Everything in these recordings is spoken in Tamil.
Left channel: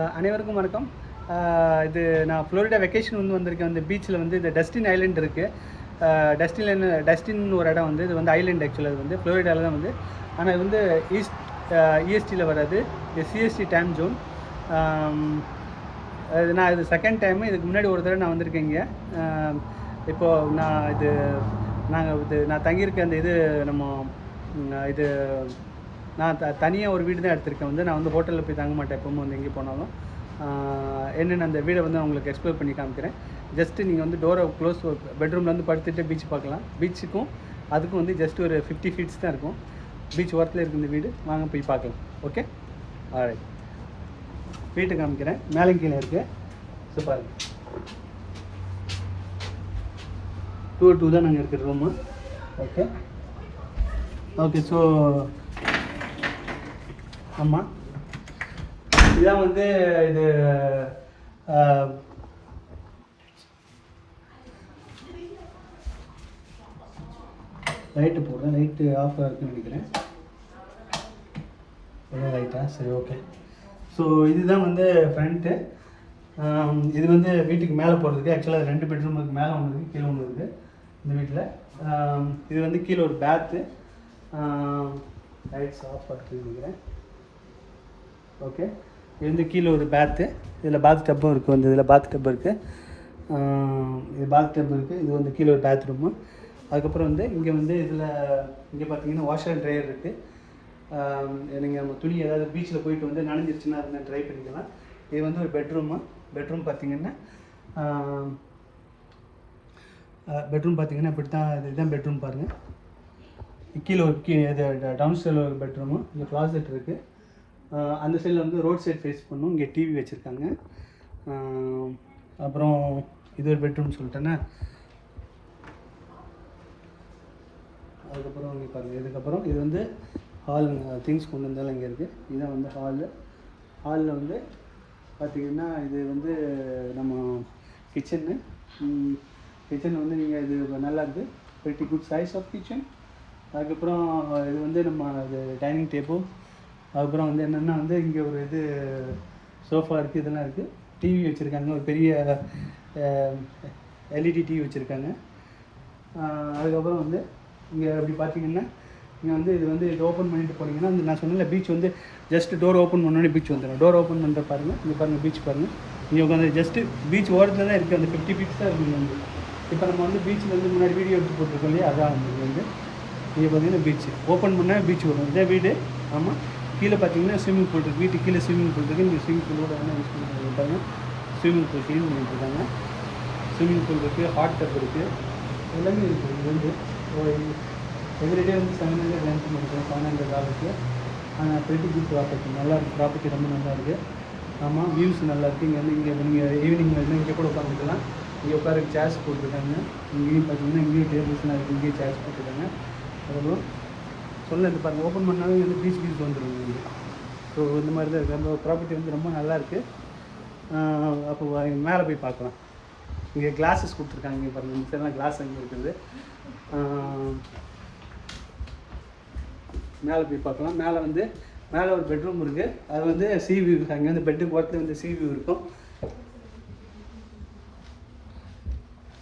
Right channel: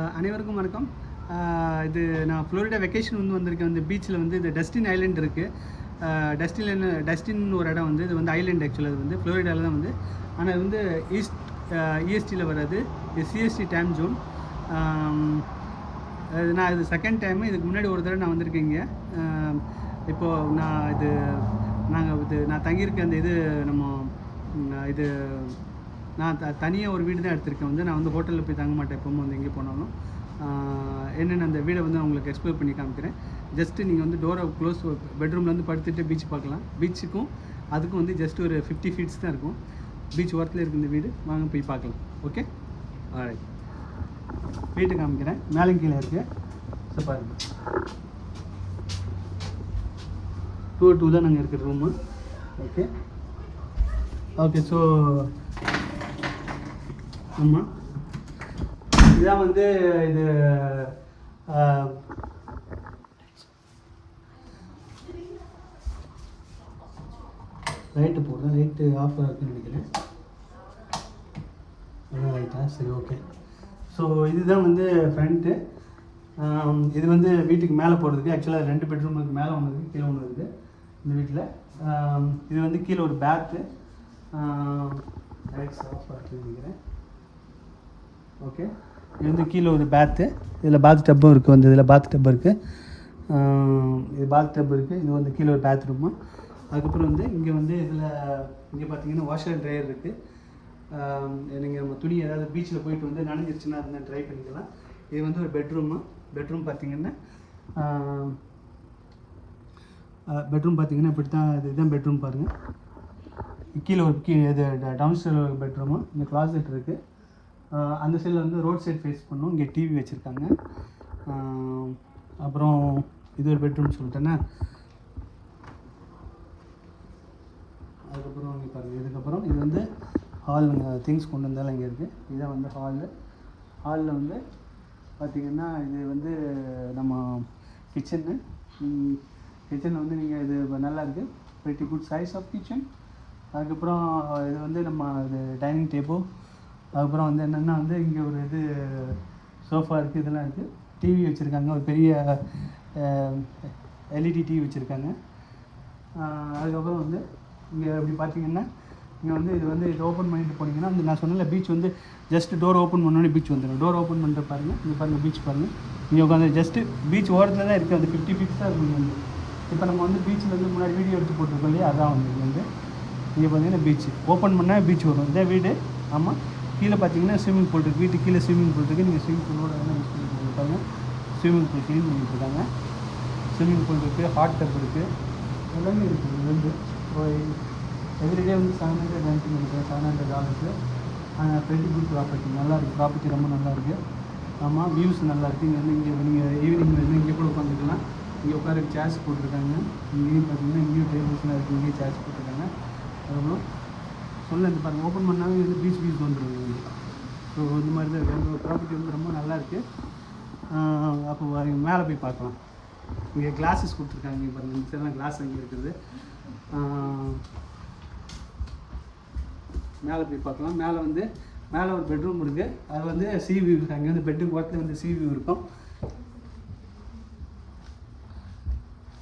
அனைவருக்கும் வணக்கம். இது நான் ஃப்ளோரிடா வெக்கேஷன் வந்திருக்கேன். இந்த பீச்சில் இந்த டஸ்டின் ஐலண்ட் இருக்குது. டஸ்டின் ஒரு இடம் இது ஐலண்ட். ஆக்சுவலாக அது ஃப்ளோரிடாவில் தான் ஆனால் இது இஎஸ்டியில் வராது. இது சிஎஸ்டி டைம் ஜோன். நான் இது செகண்ட் டைமு. இதுக்கு முன்னாடி ஒரு தடவை நான் வந்திருக்கேன் இங்கே. இப்போது நான் தங்கியிருக்க அந்த இது நான் தனியாக ஒரு வீடு தான் எடுத்திருக்கேன். நான் ஹோட்டலில் போய் தங்க மாட்டேன் எப்பவும் எங்கே போனாலும். என்னென்ன அந்த வீடை உங்களுக்கு எக்ஸ்ப்ளோர் பண்ணி காமிக்கிறேன். ஜஸ்ட்டு நீங்கள் டோரை க்ளோஸ் பெட்ரூமில் படுத்துட்டு பீச் பார்க்கலாம். பீச்சுக்கும் அதுக்கும் ஜஸ்ட் ஒரு 50 feet தான் இருக்கும். பீச் ஓரத்தில் இருக்குது இந்த வீடு. வாங்க போய் பார்க்கலாம். Okay, alright. வீட்டை காமிக்கிறேன். மேலே கீழே இருக்குது. ஸோ பாருங்கள், 2 தான் நாங்கள் இருக்கிற ரூமு. Okay okay. ஸோ ஆமாம், இதான் இது லைட்டு போடுறேன். லைட்டு ஆஃப் இருக்குன்னு நினைக்கிறேன். லைட்டா? சரி, ஓகே. ஸோ இதுதான் ஃப்ரண்ட்டு. இது வீட்டுக்கு மேலே போகிறதுக்கு. ஆக்சுவலாக 2 பெட்ரூம் இருக்குது. மேலே ஒன்று இருக்குது, கீழே ஒன்று இருக்குது இந்த வீட்டில். இது கீழே ஒரு பேத்து. லைட்ஸ் ஆஃப் இருக்குன்னு நினைக்கிறேன். ஓகே, இது கீழே ஒரு பேத்து. இதில் பாத் டப்பும் இருக்குது. இதில் பாத் டப் இருக்குது. இது பாத் டப் இருக்குது. இது கீழே ஒரு பேத் ரூமு. அதுக்கப்புறம் இங்கே இதில் இங்கே பார்த்தீங்கன்னா வாஷர் அண்ட் ட்ரையர் இருக்குது. நீங்கள் நம்ம துணி ஏதாவது பீச்சில் போயிட்டு நனைஞ்சிருச்சுன்னா அதை ட்ரை பண்ணிக்கலாம். இது ஒரு பெட்ரூமு. பெட்ரூம் பார்த்தீங்கன்னா இப்படி தான். இதுதான் பெட்ரூம் பாருங்கள். கீழே ஒரு இது டவுன் ஸ்டைலில் ஒரு பெட்ரூமு. இங்கே க்ளாசெட் இருக்குது. அந்த சைடில் ரோட் சைட் ஃபேஸ் பண்ணும். இங்கே டிவி வச்சுருக்காங்க. அப்புறம் இது ஒரு பெட்ரூம் சொல்லிட்டேன்னா. அதுக்கப்புறம் இங்கே பாருங்கள். இதுக்கப்புறம் இது ஹால். திங்ஸ் கொண்டு வந்தாலும் இங்கே இருக்குது. இதுதான் ஹாலு. ஹாலில் பார்த்திங்கன்னா இது நம்ம கிச்சனு. கிச்சன் நீங்கள் இது நல்லா இருக்குது. Very good size of kitchen. அதுக்கப்புறம் இது நம்ம இது டைனிங் டேபிள். அதுக்கப்புறம் என்னென்னா இங்கே ஒரு சோஃபா இருக்குது. இதெல்லாம் இருக்குது. டிவி வச்சுருக்காங்க. ஒரு பெரிய எல்இடி டிவி வச்சுருக்காங்க. அதுக்கப்புறம் இங்கே அப்படி பார்த்தீங்கன்னா இங்கே இது ஓப்பன் பண்ணிட்டு போனீங்கன்னா நான் சொன்னல பீச் ஜஸ்ட் டோர் ஓப்பன் பண்ணோடனே பீச் வந்துடும். டோர் ஓப்பன் பண்ணுற பாருங்கள். இங்கே பாருங்கள், பீச் பாருங்கள். இங்கே உட்காந்து ஜஸ்ட்டு பீச் ஓரத்தில் தான் இருக்குது. 50 feet தான் இருக்குது. இங்கே இப்போ நம்ம பீச்சில் முன்னாடி வீடியோ எடுத்து போட்டிருக்கோம் இல்லையா, அதான் இங்கே பார்த்தீங்கன்னா பீச் ஓப்பன் பண்ணால் பீச் வரும். இதான் வீடு. ஆமாம். கீழே பார்த்தீங்கன்னா ஸ்விம்மிங் பூல் இருக்குது. வீட்டுக்கு கீழே ஸ்விம்மிங் பூல் இருக்குது. நீங்கள் ஸ்விம்மிங் பூலோட என்ன யூஸ் பண்ணுறாங்க பாருங்கள். ஸ்விம்மிங் பூல் க்ளீன் பண்ணிட்டுருக்காங்க. ஸ்விம்மிங் பூல் இருக்குது. ஹாட் டப் இருக்குது. எல்லாமே இருக்குது. இது எவ்ரிடே $700 ரெண்ட் பண்ணிக்கிறேன். $700. ஆனால் பெரிய குட் ப்ராப்பர்ட்டி. நல்லாயிருக்கு. ப்ராப்பர்ட்டி ரொம்ப நல்லாயிருக்கு. ஆமாம், வியூஸ் நல்லாயிருக்கு. இங்கே நீங்கள் ஈவினிங் இங்கே கூட உட்காந்துக்கலாம். இங்கே உட்கார சேர்ஸ் போட்டிருக்காங்க. இங்கேயும் பார்த்தீங்கன்னா இங்கேயும் டேபிள்ஸ்லாம் இருக்குது. இங்கேயும் சேர்ஸ் போட்டிருக்காங்க. அதுக்கப்புறம் இந்த பாருங்கள், ஓப்பன் பண்ணாலும் பீச் வியூஸ் வந்துடும் இங்கே. ஸோ இந்த மாதிரி தான் இருக்குது. அந்த ப்ராப்பர்ட்டி ரொம்ப நல்லாயிருக்கு. அப்போ மேலே போய் பார்க்கலாம். இங்கே கிளாஸஸ் கொடுத்துருக்காங்க. இங்கே பாருங்கள், இந்த சைடெலாம் கிளாஸ் அங்கே இருக்குது. மேலே போய் பார்க்கலாம். மேலே ஒரு பெட்ரூம் இருக்குது. அது சி வியூ. அங்கே பெட்டுக்கு ஓரத்தில் சி வியூ இருக்கும்.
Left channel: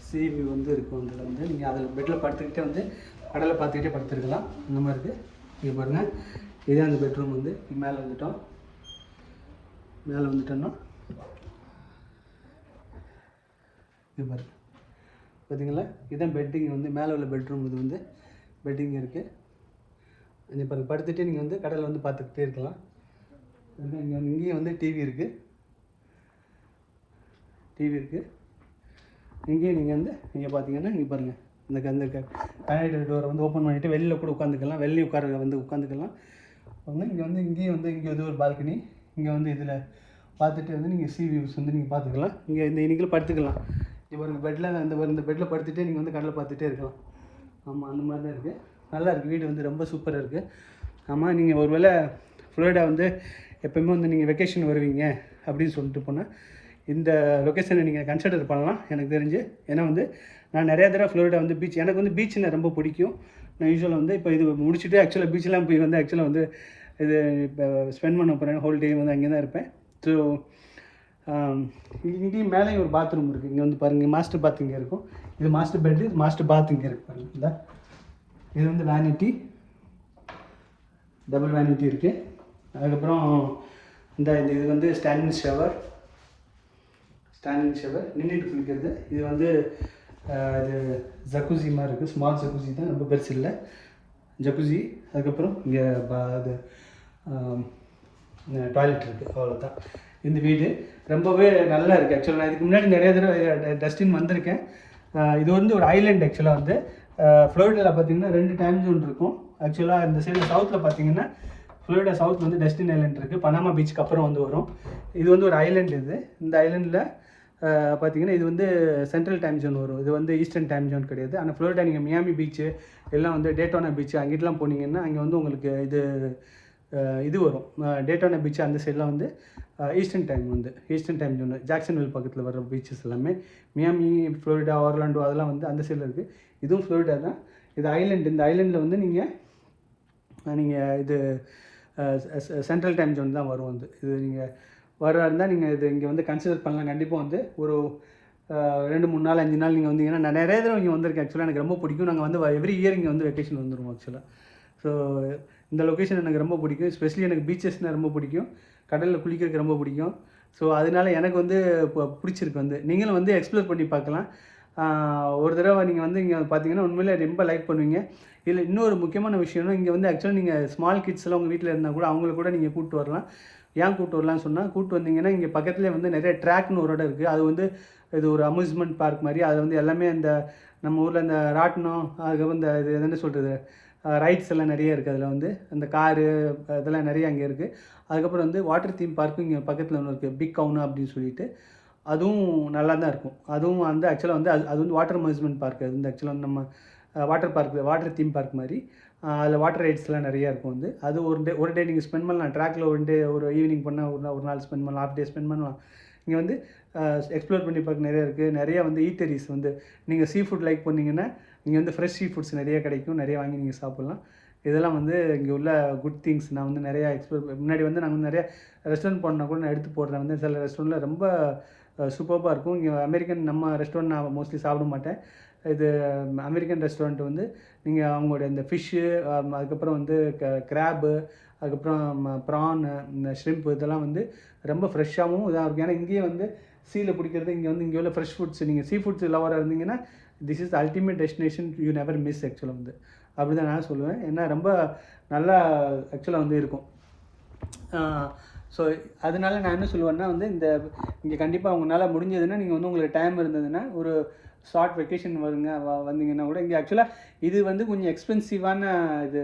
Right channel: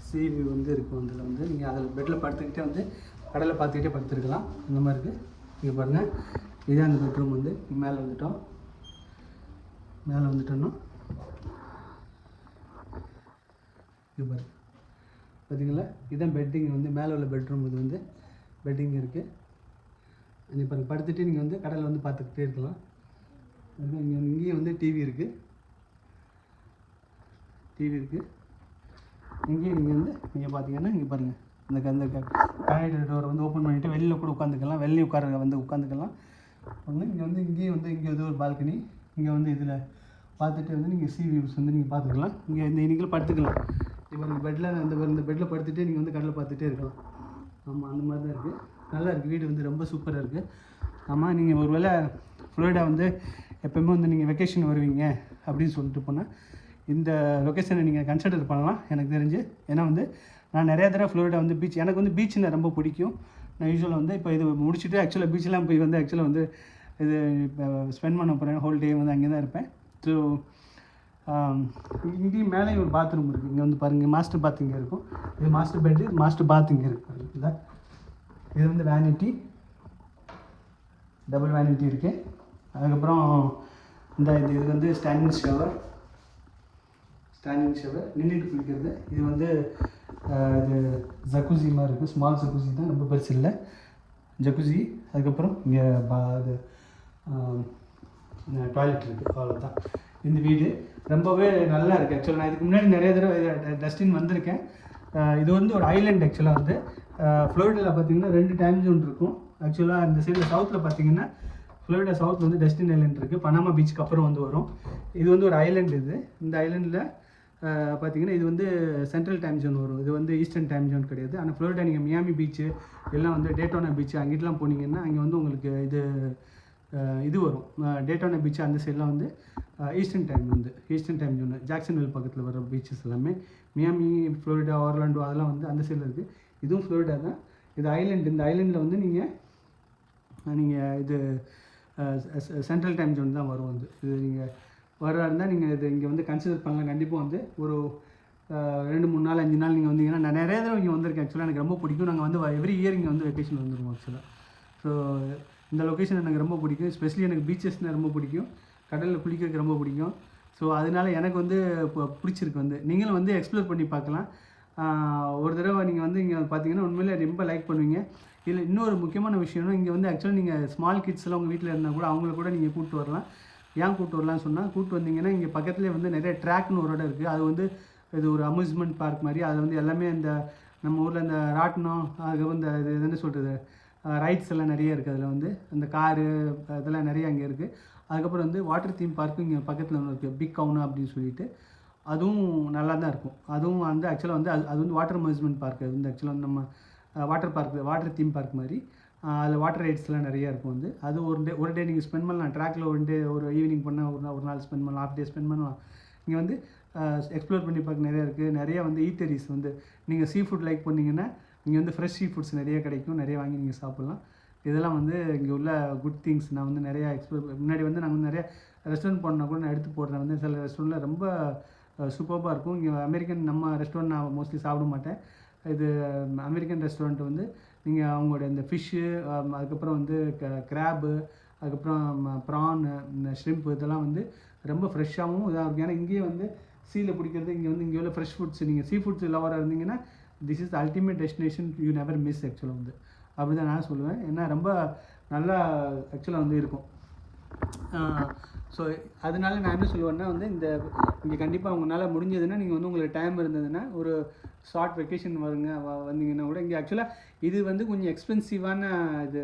சி வியூ இருக்கும். அதில் நீங்கள் அதில் பெட்டில் படுத்துக்கிட்டே கடலை பார்த்துக்கிட்டே படுத்துருக்கலாம். இந்த மாதிரி இருக்குது. இங்கே பாருங்கள், இதே அந்த பெட்ரூம் மேலே வந்துட்டோம். மேலே வந்துட்டோன்னா இது பாருங்கள், பார்த்தீங்களா, இதுதான் பெட்டிங். மேலே உள்ள பெட்ரூம். இது பெட்டிங் இருக்குது. இங்கே பாருங்கள், படுத்துகிட்டே நீங்கள் கடலை பார்த்துக்கிட்டே இருக்கலாம். இங்கேயும் டிவி இருக்குது. இங்கேயும் நீங்கள் இங்கே பார்த்தீங்கன்னா இங்கே பாருங்கள், அந்த கனெக்ட் டோரை ஓப்பன் பண்ணிவிட்டு வெளியில் கூட உட்காந்துக்கலாம். வெளியே உட்காந்துக்கலாம். இங்கே இங்கேயும் இங்கே ஒரு பால்கனி. இங்கே இதில் பார்த்துட்டு நீங்கள் சி வியூஸ் நீங்கள் பார்த்துக்கலாம். இங்கே இன்றைக்கி படுத்துக்கலாம். இப்போ ஒரு பெட்டில் இந்த பெட்டில் படுத்துகிட்டே நீங்கள் கடலை பார்த்துட்டே இருக்கலாம். ஆமாம், அந்த மாதிரி தான் இருக்குது. நல்லா இருக்குது. வீடு ரொம்ப சூப்பராக இருக்குது. ஆமாம், நீங்கள் ஒரு வேளை ஃப்ளோரிடா எப்போயுமே நீங்கள் வெக்கேஷன் வருவீங்க அப்படின்னு சொல்லிட்டு போனால் இந்த லொக்கேஷனை நீங்கள் கன்சிடர் பண்ணலாம் எனக்கு தெரிஞ்சு. ஏன்னா நான் நிறையா தடவை ஃப்ளோரிடா பீச், எனக்கு பீச்சுன்னு ரொம்ப பிடிக்கும். நான் யூஸ்வலாக இப்போ இது முடிச்சுட்டு ஆக்சுவலாக பீச்செலாம் போய் ஆக்சுவலாக இது இப்போ ஸ்பெண்ட் பண்ண போகிறேன். ஹோல் டே அங்கே தான் இருப்பேன். ஸோ இங்கேயும் மேலேயும் ஒரு பாத்ரூம் இருக்குது. இங்கே வந்து பாருங்கள், மாஸ்டர் பாத் இங்கே இருக்கும். இது மாஸ்டர் பெட்டு, இது மாஸ்டர் பாத் இங்கே இருக்குது பாருங்கள். இதான் இது வந்து வேனிட்டி, டபுள் வேனிட்டி இருக்குது. அதுக்கப்புறம் இந்த இது வந்து ஸ்டாண்டிங் ஷவர் நின்றுட்டு குளிக்கிறது. இது வந்து இது ஜக்குசி மாதிரி இருக்குது, ஸ்மால் ஜக்குசி தான், ரொம்ப பெருசு இல்லை ஜக்குசி. அதுக்கப்புறம் இங்கே இது டாய்லெட் இருக்குது, அவ்வளோதான். இந்த வீடு ரொம்பவே நல்லா இருக்குது. ஆக்சுவலாக நான் இதுக்கு முன்னாடி நிறைய தடவை டஸ்டின் வந்திருக்கேன். இது வந்து ஒரு ஐலாண்ட். ஆக்சுவலாக வந்து ஃப்ளோரிடாவில் பார்த்தீங்கன்னா 2 டைம் ஜோன் இருக்கும். ஆக்சுவலாக இந்த சைடில் சவுத்தில் பார்த்தீங்கன்னா ஃப்ளோரிடா சவுத் வந்து டஸ்டின் ஐலாண்ட் இருக்குது, பனாமா பீச்சுக்கு அப்புறம் வந்து வரும். இது வந்து ஒரு ஐலாண்ட். இந்த ஐலாண்டில் பார்த்தீங்கன்னா இது வந்து சென்ட்ரல் டைம் ஜோன் வரும். இது வந்து ஈஸ்டர்ன் டைம் ஜோன் கிடையாது. ஆனால் ஃப்ளோரிடா நீங்கள் மியாமி பீச்சு எல்லாம் வந்து டேட்டோனா பீச்சு அங்கிட்டலாம் போனீங்கன்னா அங்கே வந்து உங்களுக்கு இது வரும். டேட்டோனா பீச்சு அந்த சைட்லாம் வந்து ஈஸ்டர்ன் டைம் ஜோன், ஜாக்சன்வில் பக்கத்தில் வர பீச்சஸ் எல்லாமே. மியாமி, ஃப்ளோரிடா, ஆர்லாண்டோ அதெல்லாம் வந்து அந்த சைடில் இருக்குது. இதுவும் ஃப்ளோரிடா தான். இது ஐலாண்டு. இந்த ஐலாண்டில் வந்து நீங்கள் இது சென்ட்ரல் டைம் ஜோன் தான் வரும். வந்து இது நீங்கள் வர இருந்தால் நீங்கள் இது இங்கே வந்து கன்சிடர் பண்ணலாம். கண்டிப்பாக வந்து ஒரு 2, 3 நாள் 5 நாள் நீங்கள் வந்தீங்கன்னா, நான் நிறைய தடவை இங்கே வந்திருக்கேன். ஆக்சுவலாக எனக்கு ரொம்ப பிடிக்கும். நாங்கள் வந்து எவ்ரி இயர் இங்கே வந்து வெக்கேஷன் வந்துடுவோம் ஆக்சுவலாக. ஸோ இந்த லொக்கேஷன் எனக்கு ரொம்ப பிடிக்கும். ஸ்பெஷலி எனக்கு பீச்சஸ்னால் ரொம்ப பிடிக்கும், கடலில் குளிக்கிறதுக்கு ரொம்ப பிடிக்கும். ஸோ அதனால் எனக்கு வந்து இப்போ பிடிச்சிருக்கு. வந்து நீங்களும் வந்து எக்ஸ்ப்ளோர் பண்ணி பார்க்கலாம். ஒரு தடவை நீங்கள் வந்து இங்கே பார்த்தீங்கன்னா உண்மையிலே ரொம்ப லைக் பண்ணுவீங்க. இதில் இன்னொரு முக்கியமான விஷயம்னா, இங்கே வந்து ஆக்சுவலாக நீங்கள் ஸ்மால் கிட்ஸ் எல்லாம் உங்கள் வீட்டில் இருந்தால் கூட அவங்கள கூட நீங்கள் கூப்பிட்டு வரலாம். ஏன் கூப்பிட்டு வரலான்னு சொன்னால், கூப்பிட்டு வந்தீங்கன்னா இங்கே பக்கத்துலேயே வந்து நிறைய ட்ராக்னு ஒரு இடம் இருக்குது. அது வந்து இது ஒரு அம்யூஸ்மெண்ட் பார்க் மாதிரி. அது வந்து எல்லாமே இந்த நம்ம ஊரில் இந்த ராட்டினம், அதுக்கப்புறம் இந்த இது என்ன சொல்கிறது, ரைட்ஸ் எல்லாம் நிறைய இருக்குது. அதில் வந்து அந்த காரு இதெல்லாம் நிறைய அங்கே இருக்குது. அதுக்கப்புறம் வந்து வாட்டர் தீம் பார்க்கும் இங்கே பக்கத்தில் ஒன்று இருக்குது, பிக் கவுனு அப்படின்னு சொல்லிட்டு. அதுவும் நல்லா தான் இருக்கும். அதுவும் வந்து ஆக்சுவலாக வந்து அது வந்து வாட்டர் அம்யூஸ்மெண்ட் பார்க். அது வந்து ஆக்சுவலாக நம்ம வாட்டர் தீம் பார்க் மாதிரி. அதில் வாட்டர் ரைட்ஸ்லாம் நிறையா இருக்கும். வந்து அது ஒரு டே நீங்கள் ஸ்பெண்ட் பண்ணலாம். ட்ராக்கில் ஒரு ஈவினிங் பண்ணால் ஒரு நாள் ஸ்பெண்ட் பண்ணலாம், ஹாஃப் டே ஸ்பெண்ட் பண்ணலாம். இங்கே வந்து எக்ஸ்ப்ளோர் பண்ணி பார்க்க நிறையா இருக்குது. நிறையா வந்து ஈட்டரிஸ் வந்து நீங்கள் சீ ஃபுட் லைக் பண்ணிங்கன்னா இங்கே வந்து ஃப்ரெஷ் சீ ஃபுட்ஸ் நிறைய கிடைக்கும். நிறைய வாங்கி நீங்கள் சாப்பிட்லாம். இதெல்லாம் வந்து இங்கே உள்ள குட் திங்ஸ். நான் வந்து நிறையா முன்னாடி வந்து நாங்கள் வந்து நிறையா ரெஸ்டாரண்ட் போனால் கூட நான் எடுத்து போடுறேன். வந்து சில ரெஸ்டாரண்ட்டில் ரொம்ப சூப்பராக இருக்கும். இங்கே அமெரிக்கன் நம்ம ரெஸ்டாரண்ட் நான் மோஸ்ட்லி சாப்பிட மாட்டேன். இது அமெரிக்கன் ரெஸ்டாரண்ட் வந்து நீங்கள் அவங்களுடைய இந்த ஃபிஷ்ஷு, அதுக்கப்புறம் வந்து கிராப்பு, அதுக்கப்புறம் ப்ரான், இந்த ஷ்ரிம்ப் இதெல்லாம் வந்து ரொம்ப ஃப்ரெஷ்ஷாகவும் இதாக இருக்கும். ஏன்னா இங்கேயே வந்து சீல பிடிக்கிறது, இங்கே உள்ள ஃப்ரெஷ் ஃபுட்ஸ். நீங்கள் சீ ஃபுட்ஸ் லவராக இருந்தீங்கன்னா this is the ultimate destination you never miss. ஆக்சுவலாக வந்து அப்படி தான் நான் சொல்லுவேன். ஏன்னா ரொம்ப நல்லா ஆக்சுவலாக வந்து இருக்கும். ஸோ அதனால நான் என்ன சொல்லுவேன்னா வந்து இங்கே கண்டிப்பாக உங்களால் முடிஞ்சதுன்னா நீங்கள் வந்து உங்களுக்கு டைம் இருந்ததுன்னா ஒரு ஷார்ட் வெக்கேஷன் வந்தீங்கன்னா கூட இங்கே ஆக்சுவலாக இது வந்து கொஞ்சம் எக்ஸ்பென்சிவான இது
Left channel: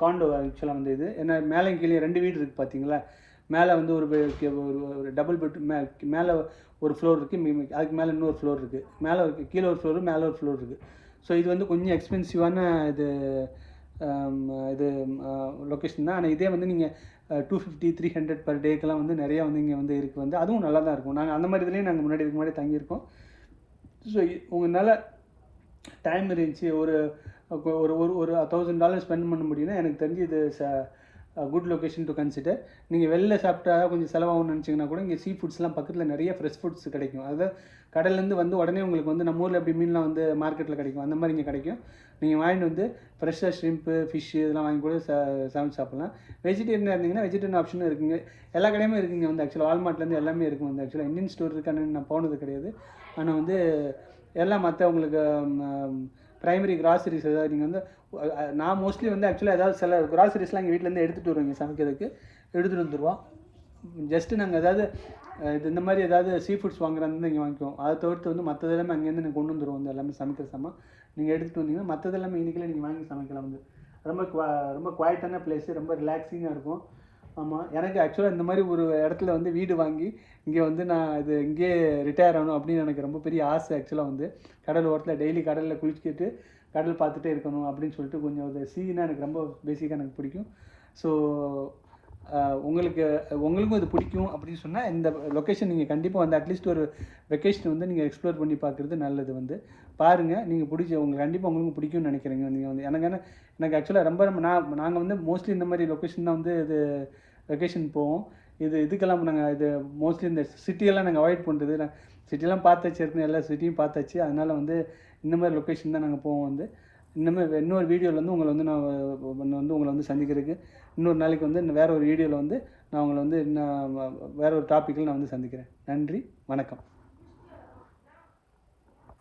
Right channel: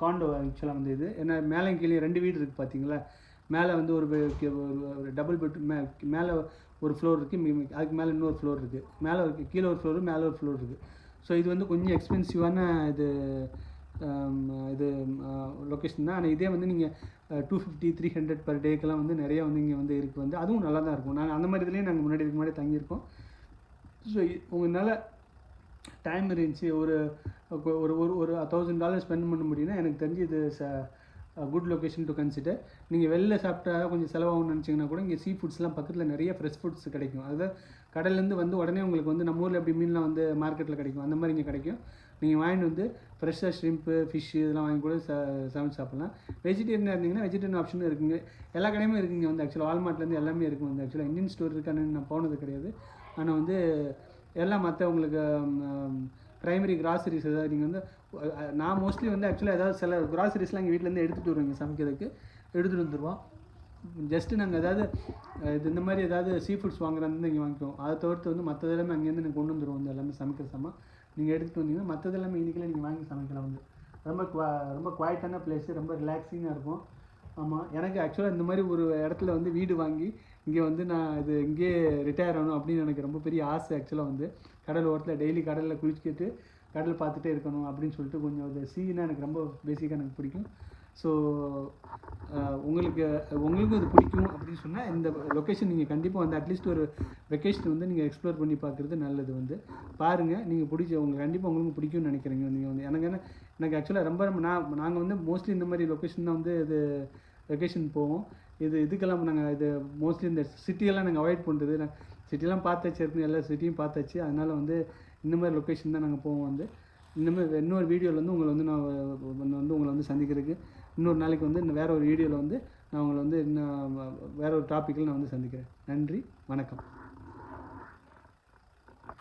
காண்டோ ஆக்சுவலாக வந்து இது. ஏன்னா மேலே கீழே 2 வீடு இருக்குது பார்த்தீங்களா. மேலே வந்து ஒரு டபுள் பெட், மேலே ஒரு ஃப்ளோர் இருக்குது, அதுக்கு மேலே இன்னொரு ஃப்ளோர் இருக்குது. மேலே கீழே ஒரு ஃப்ளோரு, மேலே ஒரு ஃப்ளோர் இருக்குது. ஸோ இது வந்து கொஞ்சம் எக்ஸ்பென்சிவான இது லொக்கேஷன் தான். ஆனால் இதே வந்து நீங்கள் 250, 300 பர் டேக்கெலாம் வந்து நிறையா வந்து இங்கே வந்து இருக்குது. வந்து அதுவும் நல்லா தான் இருக்கும். நாங்கள் அந்த மாதிரி இதுலேயும் நாங்கள் இதுக்கு முன்னாடி தங்கியிருக்கோம். ஸோ உங்களால் டைம் இருந்துச்சு ஒரு $1,000 ஸ்பெண்ட் பண்ண முடியும்னா எனக்கு தெரிஞ்சு இது குட் லொக்கேஷன் டு கன்சிடர். நீங்கள் வெளில சாப்பிட்டா கொஞ்சம் செலவாகும்னு நினச்சிங்கன்னா கூட இங்கே சீ ஃபுட்ஸ்லாம் பக்கத்தில் நிறைய ஃப்ரெஷ் ஃபுட்ஸ் கிடைக்கும். அதாவது கடல்லேருந்து வந்து உடனே உங்களுக்கு வந்து நம்ம ஊரில் எப்படி மீன்லாம் வந்து மார்க்கெட்டில் கிடைக்கும், அந்த மாதிரி இங்கே கிடைக்கும். நீங்கள் வாங்கிட்டு வந்து ஃப்ரெஷ்ஷாக ஷ்ரிம்ப்பு, ஃபிஷ்ஷு இதெல்லாம் வாங்கி கூட சமைச்சு சாப்பிட்லாம். வெஜிடேரியனாக இருந்தீங்கன்னா வெஜிடேரியன் ஆப்ஷனும் இருக்குங்க. எல்லா கடையுமே இருக்குங்க. வந்து ஆக்சுவலாக வால்மார்ட்லேருந்து எல்லாமே இருக்கும். வந்து ஆக்சுவலாக இந்தியன் ஸ்டோர் இருக்கான்னு நான் போனது கிடையாது. ஆனால் வந்து எல்லாம் மற்ற உங்களுக்கு ப்ரைமரி கிராசரிஸ் ஏதாவது நீங்கள் வந்து நான் மோஸ்ட்லி வந்து ஆக்சுவலாக ஏதாவது சில கிராசரிஸ்லாம் எங்கள் வீட்டிலேருந்து எடுத்துகிட்டு வருவீங்க, சமைக்கிறதுக்கு எடுத்துகிட்டு வந்துடுவோம். ஜஸ்ட்டு நாங்கள் ஏதாவது இந்த மாதிரி ஏதாவது சீ ஃபுட்ஸ் வாங்குறாந்து இங்கே வாங்கிக்குவோம். அதை தவிர்த்து வந்து மற்றது எல்லாமே அங்கேருந்து நீங்கள் கொண்டு வந்துடுவோம். வந்து எல்லாமே சமைக்கிற சாமான் நீங்கள் எடுத்துகிட்டு வந்தீங்கன்னா மற்றது எல்லாமே இன்றைக்கில் நீங்கள் வாங்கி சமைக்கலாம். வந்து ரொம்ப குவாய்ட்டான பிளேஸு, ரொம்ப ரிலாக்ஸிங்காக இருக்கும். ஆமாம், எனக்கு ஆக்சுவலாக இந்த மாதிரி ஒரு இடத்துல வந்து வீடு வாங்கி இங்கே வந்து நான் இங்கேயே ரிட்டையர் ஆகணும் அப்படின்னு எனக்கு ரொம்ப பெரிய ஆசை. ஆக்சுவலாக வந்து கடல் ஓரத்தில் டெய்லி கடலில் குளிச்சுக்கிட்டு கடல் பார்த்துட்டே இருக்கணும் அப்படின்னு சொல்லிட்டு கொஞ்சம் ஒரு சீனா எனக்கு ரொம்ப பேசிக்காக எனக்கு பிடிக்கும். ஸோ உங்களுக்கும் இது பிடிக்கும் அப்படின்னு சொன்னால் இந்த லொக்கேஷன் நீங்கள் கண்டிப்பாக வந்து அட்லீஸ்ட் ஒரு வெக்கேஷன் வந்து நீங்கள் எக்ஸ்ப்ளோர் பண்ணி பார்க்குறது நல்லது. வந்து பாருங்கள், நீங்கள் உங்களுக்கு கண்டிப்பாக உங்களுக்கும் பிடிக்கும்னு நினைக்கிறீங்க. நீங்கள் வந்து எனக்கு ஆக்சுவலாக ரொம்ப நாங்கள் வந்து மோஸ்ட்லி இந்த மாதிரி லொக்கேஷன் தான் வந்து இது வெக்கேஷன் போவோம். இதுக்கெல்லாம் நாங்கள் இது மோஸ்ட்லி இந்த சிட்டியெல்லாம் நாங்கள் அவாய்ட் பண்ணுறது. சிட்டிலாம் பார்த்தாச்சு, ஏற்கனவே எல்லா சிட்டியும் பார்த்தாச்சு. அதனால் வந்து இந்த மாதிரி லொக்கேஷன் தான் நாங்கள் போவோம். வந்து இன்னொரு வீடியோவில் வந்து உங்களை வந்து சந்திக்கிறதுக்கு இன்னொரு நாளைக்கு வந்து வேறு ஒரு வீடியோவில் வந்து நான் உங்களை வந்து வேறு ஒரு டாப்பிக்கில் நான் வந்து சந்திக்கிறேன். நன்றி, வணக்கம்.